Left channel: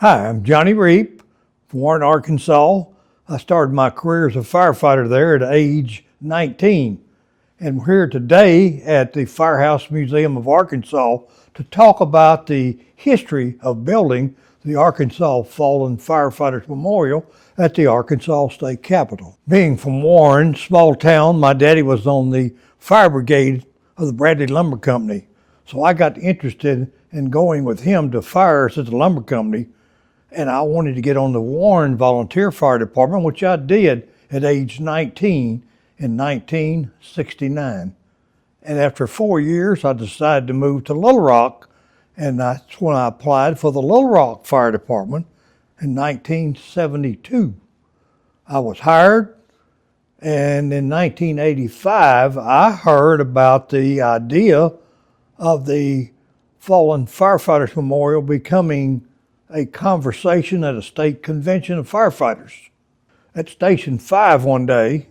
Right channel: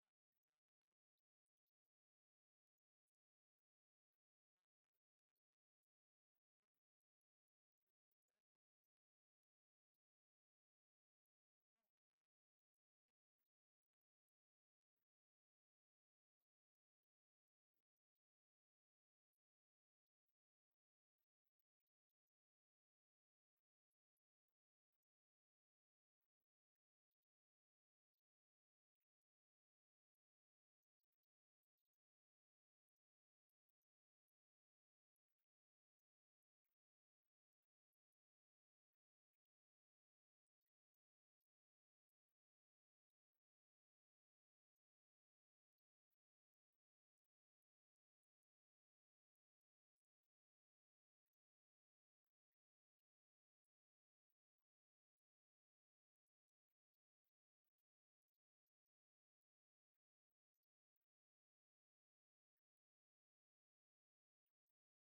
Hi, I'm Johnny Reap from Warren, Arkansas. I started my career as a firefighter there at age 19. And we're here today at the Firehouse Museum of Arkansas to talk about the history of building the Arkansas Fallen Firefighters Memorial at the Arkansas State Capitol. Being from Warren, small town, my daddy was on the fire brigade of the Bradley Lumber Company. So I got interested in going with him to fires at the lumber company, and I wanted to get on the Warren Volunteer Fire Department, which I did at age 19 in 1969. And after 4 years, I decided to move to Little Rock, and that's when I applied for the Little Rock Fire Department in 1972. I was hired, and in 1985, I heard about the idea of the Fallen Firefighters Memorial becoming a conversation at a state convention of firefighters. At Station 5 one day,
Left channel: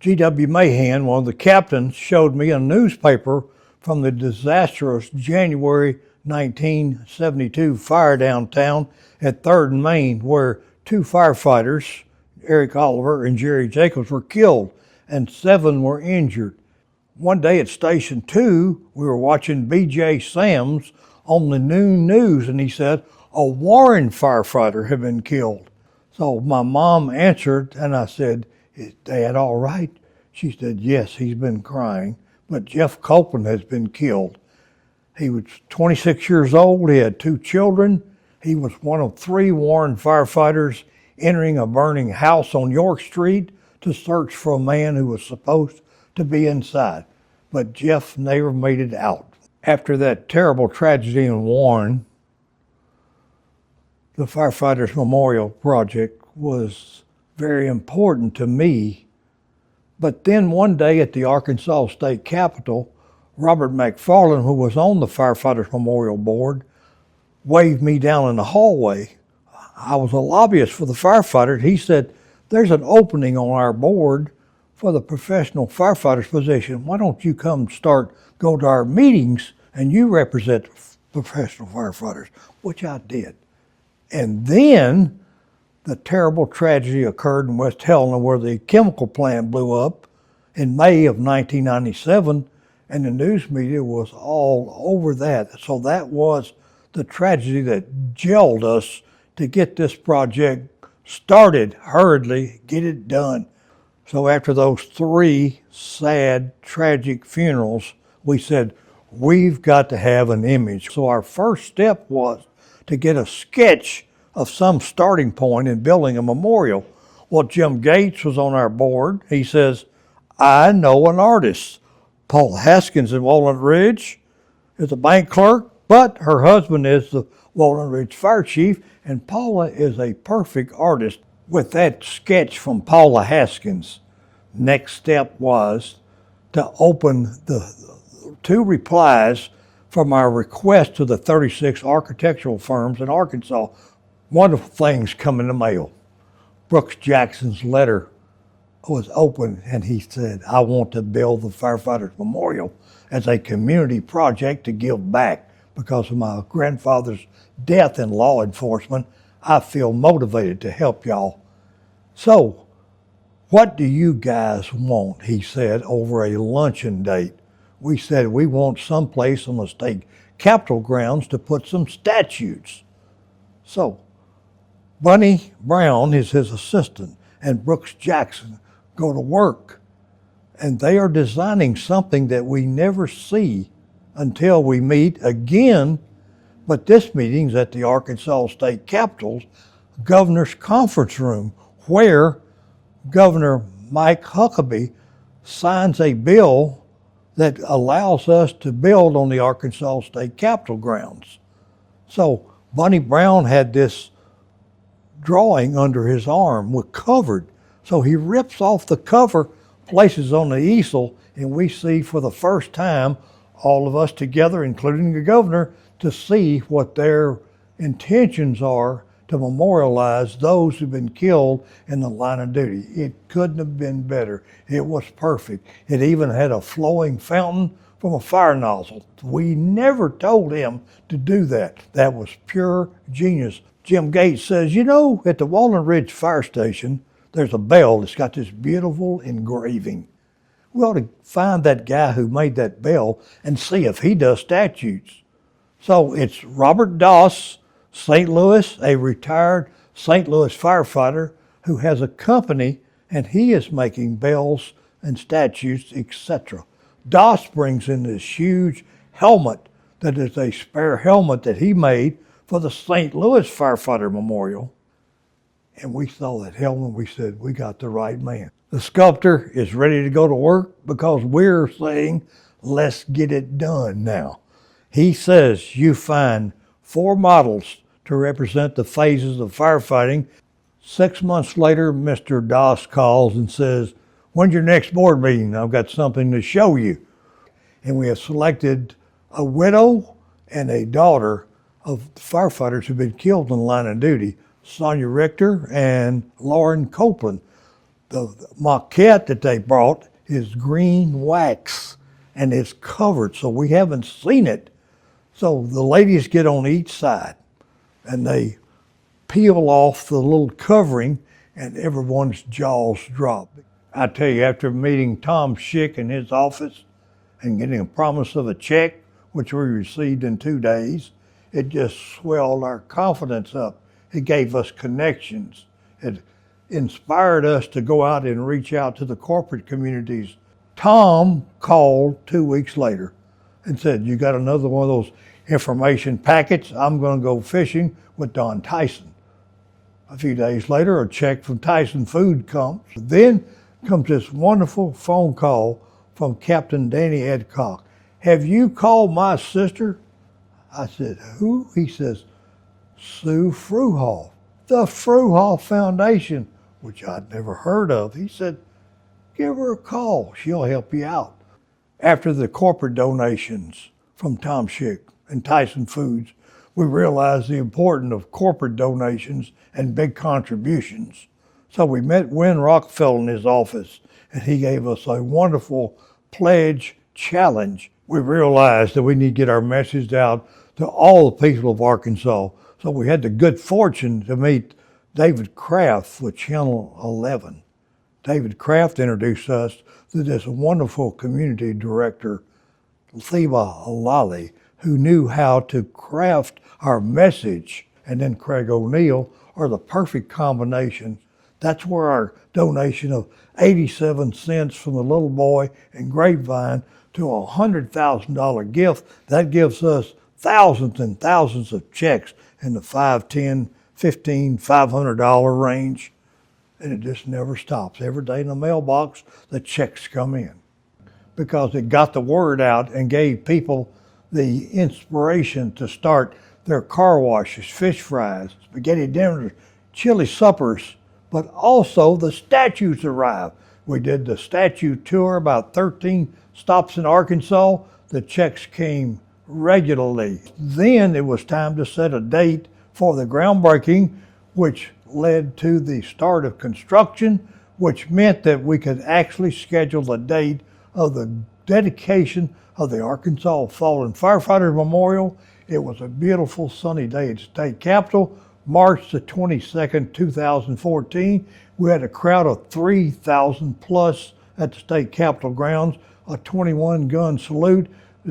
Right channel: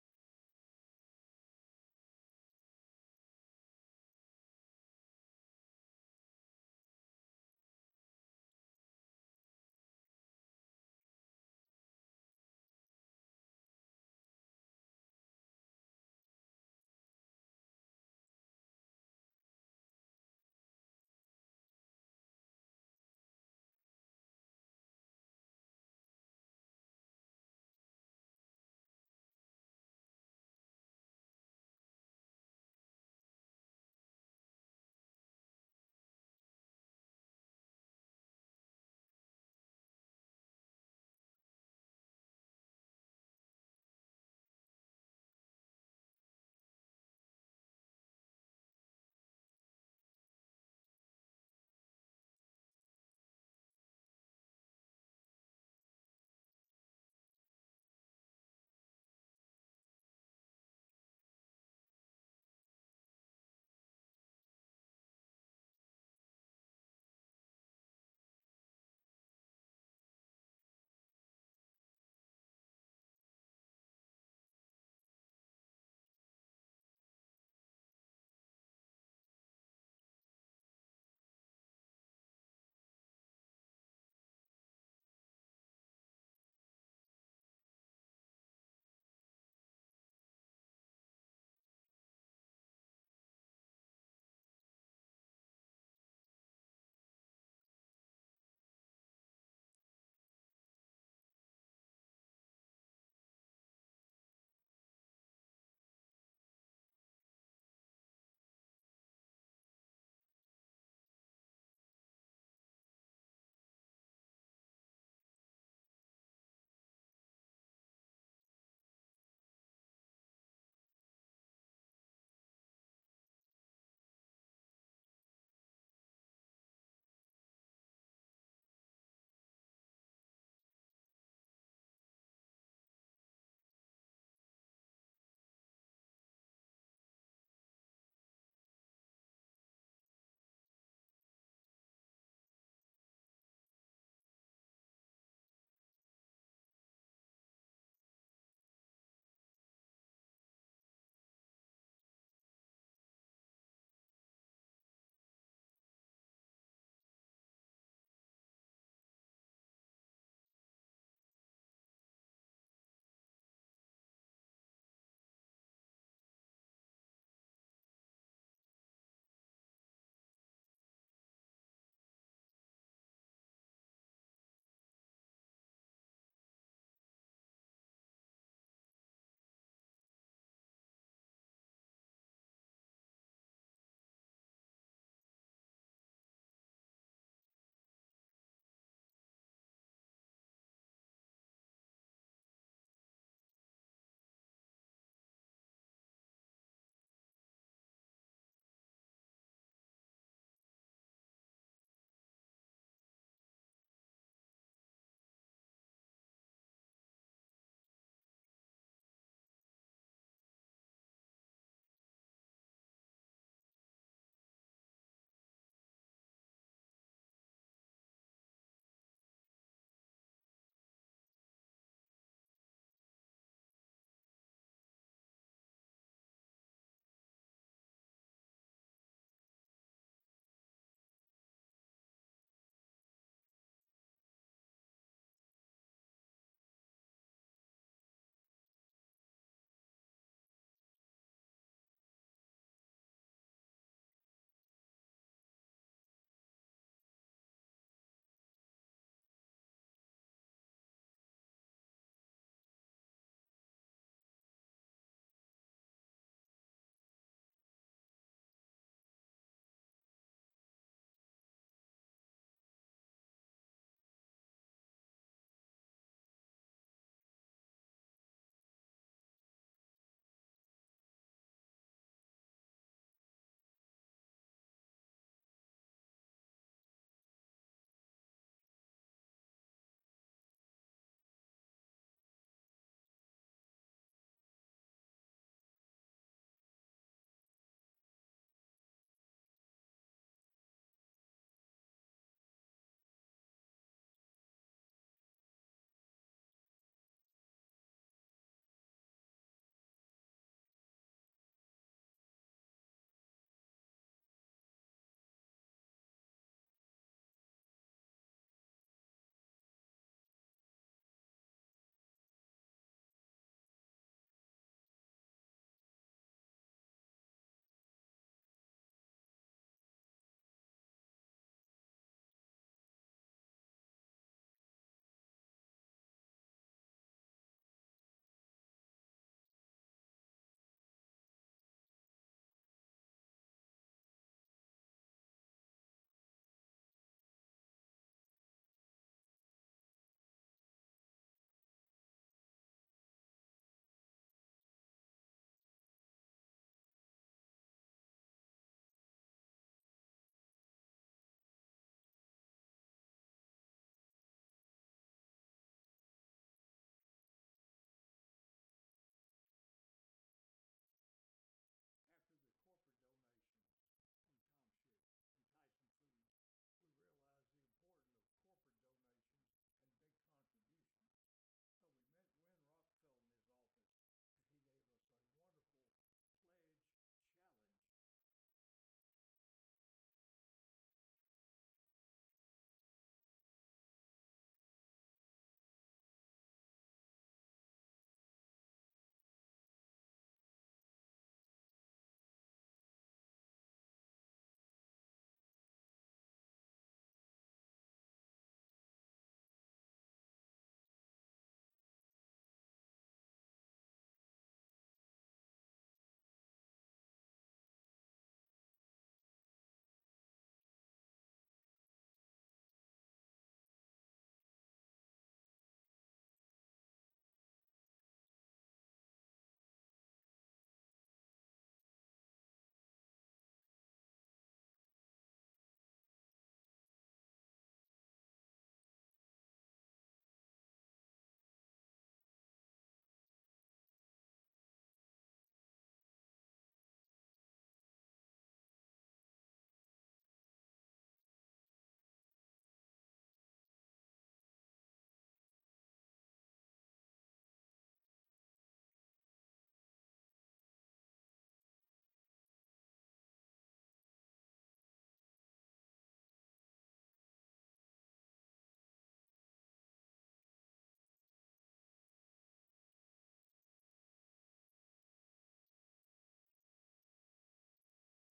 G.W. Mahan, one of the captains, showed me a newspaper from the disastrous January 1972 fire downtown at 3rd and Main, where 2 firefighters, Eric Oliver and Jerry Jacobs, were killed and 7 were injured. One day at Station 2, we were watching B.J. Sams on the noon news, and he said a Warren firefighter had been killed. So my mom answered, and I said, "Is Dad all right?" She said, "Yes, he's been crying, but Jeff Copeland has been killed. He was 26 years old, he had 2 children. He was one of 3 Warren firefighters entering a burning house on York Street to search for a man who was supposed to be inside, but Jeff never made it out." After that terrible tragedy in Warren, the Firefighters Memorial Project was very important to me. But then one day at the Arkansas State Capitol, Robert McFarland, who was on the Firefighters Memorial Board, waved me down in the hallway. I was a lobbyist for the firefighters. He said, "There's an opening on our board for the professional firefighter's position. Why don't you come go to our meetings and you represent professional firefighters?" Which I did. And then the terrible tragedy occurred in West Helena where the chemical plant blew up in May of 1997, and the news media was all over that. So that was the tragedy that gelled us to get this project started hurriedly, get it done. So after those 3 sad, tragic funerals, we said, we've got to have an image. So our first step was to get a sketch of some starting point in building a memorial. Well, Jim Gates was on our board. He says, "I know an artist. Paula Haskins in Walnut Ridge is a bank clerk, but her husband is the Walnut Ridge fire chief, and Paula is a perfect artist." With that sketch from Paula Haskins, next step was to open the 2 replies from our request to the 36 architectural firms in Arkansas. Wonderful things come in the mail. Brooks Jackson's letter was open, and he said, "I want to build the Firefighters Memorial as a community project to give back. Because of my grandfather's death in law enforcement, I feel motivated to help y'all. So, what do you guys want?" he said over a luncheon date. We said, "We want someplace on the state capitol grounds to put some statues." So, Bunny Brown is his assistant, and Brooks Jackson go to work. And they are designing something that we never see until we meet again. But this meeting's at the Arkansas State Capitol's Governor's Conference Room, where Governor Mike Huckabee signs a bill that allows us to build on the Arkansas State Capitol grounds. So Bunny Brown had this drawing under his arm with covered. So he rips off the cover, places on the easel, and we see for the first time, all of us together, including the governor, to see what their intentions are to memorialize those who've been killed in the line of duty. It couldn't have been better. It was perfect. It even had a flowing fountain from a fire nozzle. We never told him to do that. That was pure genius. Jim Gates says, you know, at the Walnut Ridge Fire Station, there's a bell that's got this beautiful engraving. We ought to find that guy who made that bell and see if he does statutes. So it's Robert Doss, St. Louis, a retired St. Louis firefighter who has a company, and he is making bells and statutes, etc. Doss brings in this huge helmet that is a spare helmet that he made for the St. Louis Firefighter Memorial. And we saw that helmet, we said, we got the right man. The sculptor is ready to go to work because we're saying, let's get it done now. He says you find 4 models to represent the phases of firefighting. 6 months later, Mr. Doss calls and says, when's your next board meeting? I've got something to show you. And we have selected a widow and a daughter of firefighters who've been killed in the line of duty, Sonia Richter and Lauren Copeland. The maquette that they brought is green wax and it's covered, so we haven't seen it. So the ladies get on each side and they peel off the little covering and everyone's jaws drop. I tell you, after meeting Tom Schick in his office and getting a promise of a check, which we received in 2 days, it just swelled our confidence up. It gave us connections. It inspired us to go out and reach out to the corporate communities. Tom called 2 weeks later and said, you got another one of those information packets? I'm going to go fishing with Don Tyson. A few days later, a check from Tyson Food comes. Then comes this wonderful phone call from Captain Danny Edcock. Have you called my sister? I said, who? He says, Sue Fruhoff, the Fruhoff Foundation, which I'd never heard of. He said, give her a call. She'll help you out. After the corporate donations from Tom Schick and Tyson Foods, we realized the importance of corporate donations and big contributions. So we met Win Rockefeller in his office, and he gave us a wonderful pledge challenge. We realized that we need to get our message out to all the people of Arkansas. So we had the good fortune to meet David Kraft with Channel 11. David Kraft introduced us to this wonderful community director, Theba Lolley, who knew how to craft our message, and then Craig O'Neill are the perfect combination. That's where our donation of 87 cents from the little boy in Grapevine to a $100,000 gift, that gives us thousands and thousands of checks in the $5, $10, $15, $500 range. And it just never stops. Every day in the mailbox, the checks come in because it got the word out and gave people the inspiration to start their car washes, fish fries, spaghetti dinners, chili suppers, but also the statues arrived. We did the statue tour, about 13 stops in Arkansas. The checks came regularly. Then it was time to set a date for the groundbreaking, which led to the start of construction, which meant that we could actually schedule the date of the dedication of the Arkansas Fallen Firefighters Memorial. It was a beautiful sunny day at the state capitol, March the 22nd, 2014. We had a crowd of 3,000 plus at the state capitol grounds, a 21-gun salute.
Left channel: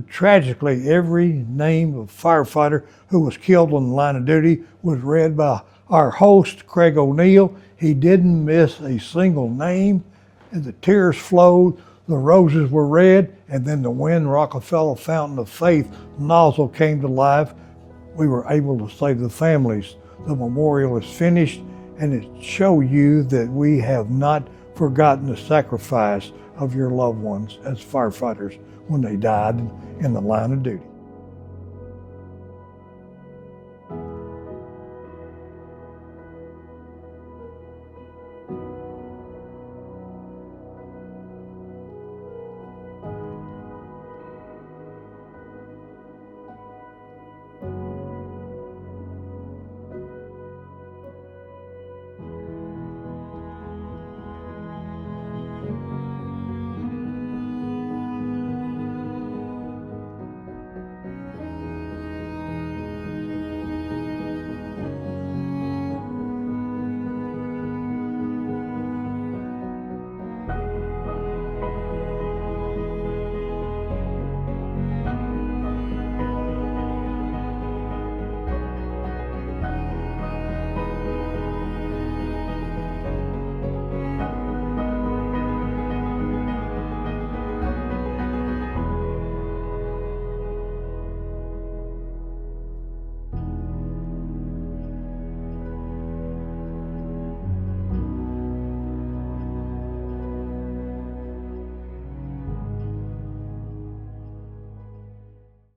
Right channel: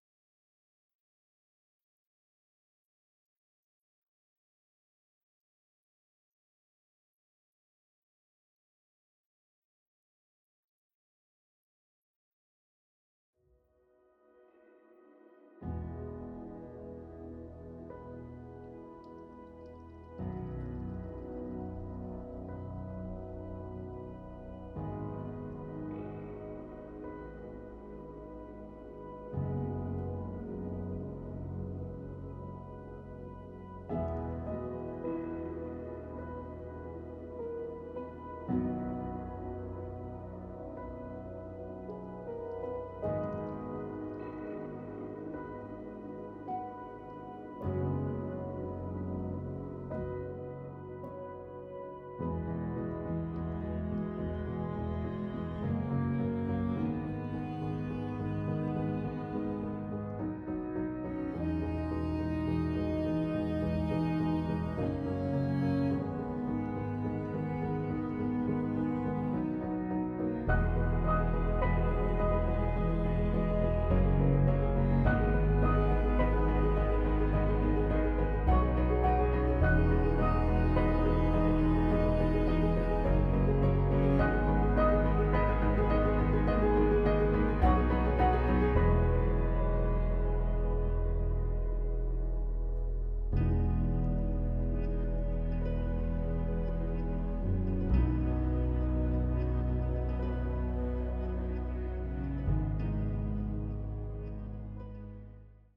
Tragically, every name of firefighter who was killed on the line of duty was read by our host, Craig O'Neill. He didn't miss a single name, and the tears flowed, the roses were red, and then the Win Rockefeller Fountain of Faith nozzle came to life. We were able to say to the families, the memorial is finished, and it shows you that we have not forgotten the sacrifice of your loved ones as firefighters when they died in the line of duty.